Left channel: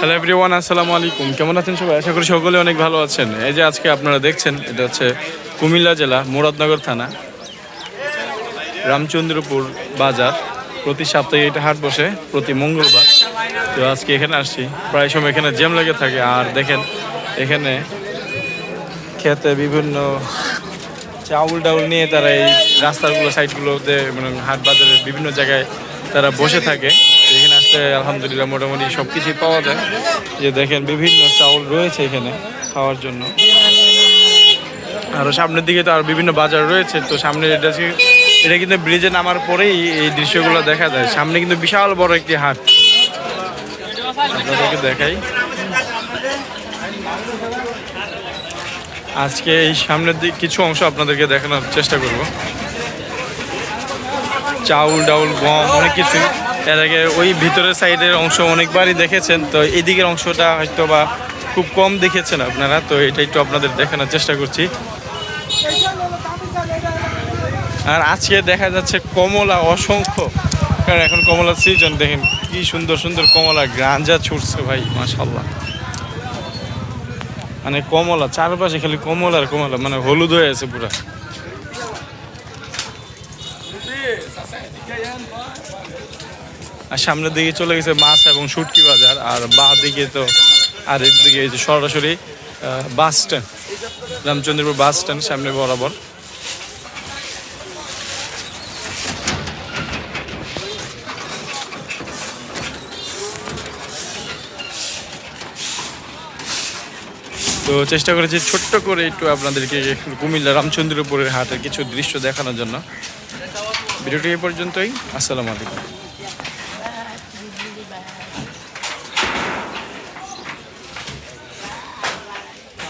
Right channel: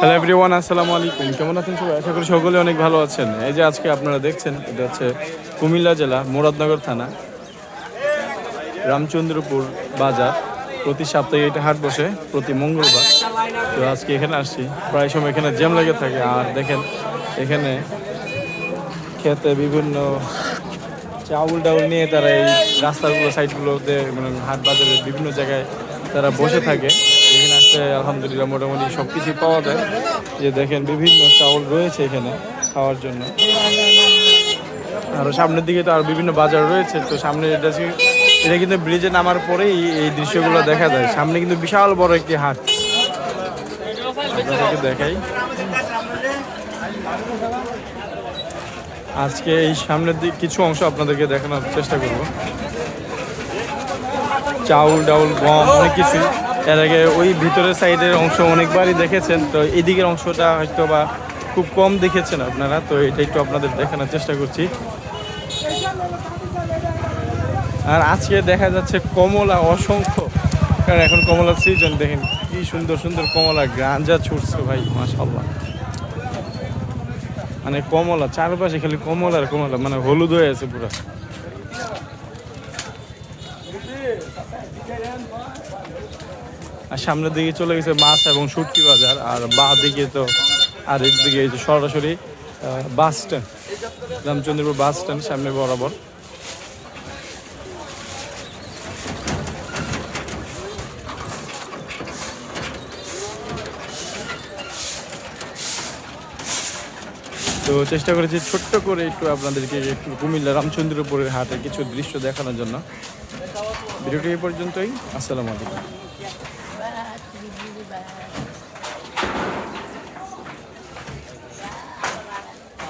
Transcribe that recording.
Hello everyone আসসালামু আলাইকুম কেমন আছেন সবাই? আশা করি সকলে অনেক ভালো আছেন। এই যে আজকে আপনারা দেখছেন, এটা হচ্ছে কুমিল্লা জেলা, মুরাদনগর থানা, রামচন্দ্রপুর বাজার। প্রতি সপ্তাহে এটা হাট বসে, প্রতি মঙ্গলবার। তো আজকে এখানে আসছি। প্রায় সময় এখানে জ্যাম লেগে থাকে। আর দেখেন, এখানে খেতে বিভিন্ন চাউল ডাউল নিয়ে তারা এই রাস্তাগুলো সাইডগুলোতে মানে হাট বাজারে বিভিন্ন জায়গায় তারা বসে থাকে। এখানে আসলে আলহামদুলিল্লাহ মোটামুটি সব কিছুই পাওয়া যায়। যে দেখেন বিভিন্ন চাউল রয়েছে এখানে খাওয়ার জন্য। আরও সামনের দিকে তো আর বিভিন্ন বাজার রয়েছে, তো সামনে এটা এটা কিন্তু ব্রিজে নামার পরেই এই দৃশ্যগুলো দেখা যায়। সামনে কিন্তু বিশাল বড় একটি হাট। আপনাদেরকে দেখাই। আজকে এই সামনের দিক কিছু অংশ আপনাদেরকে দেখানোর চেষ্টা করব। চাউল, ডাউল, গম, অনেক কিছুই। এর আগে ওই ভিতরের সাইডের অংশ অনেকবারই দেখেছেন, তো এই দিকের অংশটা হয়তো বা খুব কম দেখেছেন আপনারা, তো এটা একটু আপনাদের দেখানোর চেষ্টা করছি। আর আজকে দেখা যাচ্ছে কমলা অসংখ্য। কারণ এখন কমলা সিজন দেখেন কি সুন্দর সুন্দর কমলা গ্রাঞ্জা ছুটছে ভাই মাশাল্লাহ মানে কমলা, চারপাশে খালি কমলা আর কমলা মানে হলুদ হয়ে আছে পুরা। আর সামনের দিকে চলে গেছে মাছ এবং শুটকি বাজার, আর বা দিকে তো আর দিকে সরাসরি bus stand, Ramchandrapur bus stand সামনে বরাবর। তো চেষ্টা করেছি ছোট্ট করে একটু আপনাদেরকে কুমিল্লা রামচন্দ্রপুরের হাটের কিছু দৃশ্য দেখানোর জন্য। ভিডিওটি এই পর্যন্তই, আসসালামু আলাইকুম।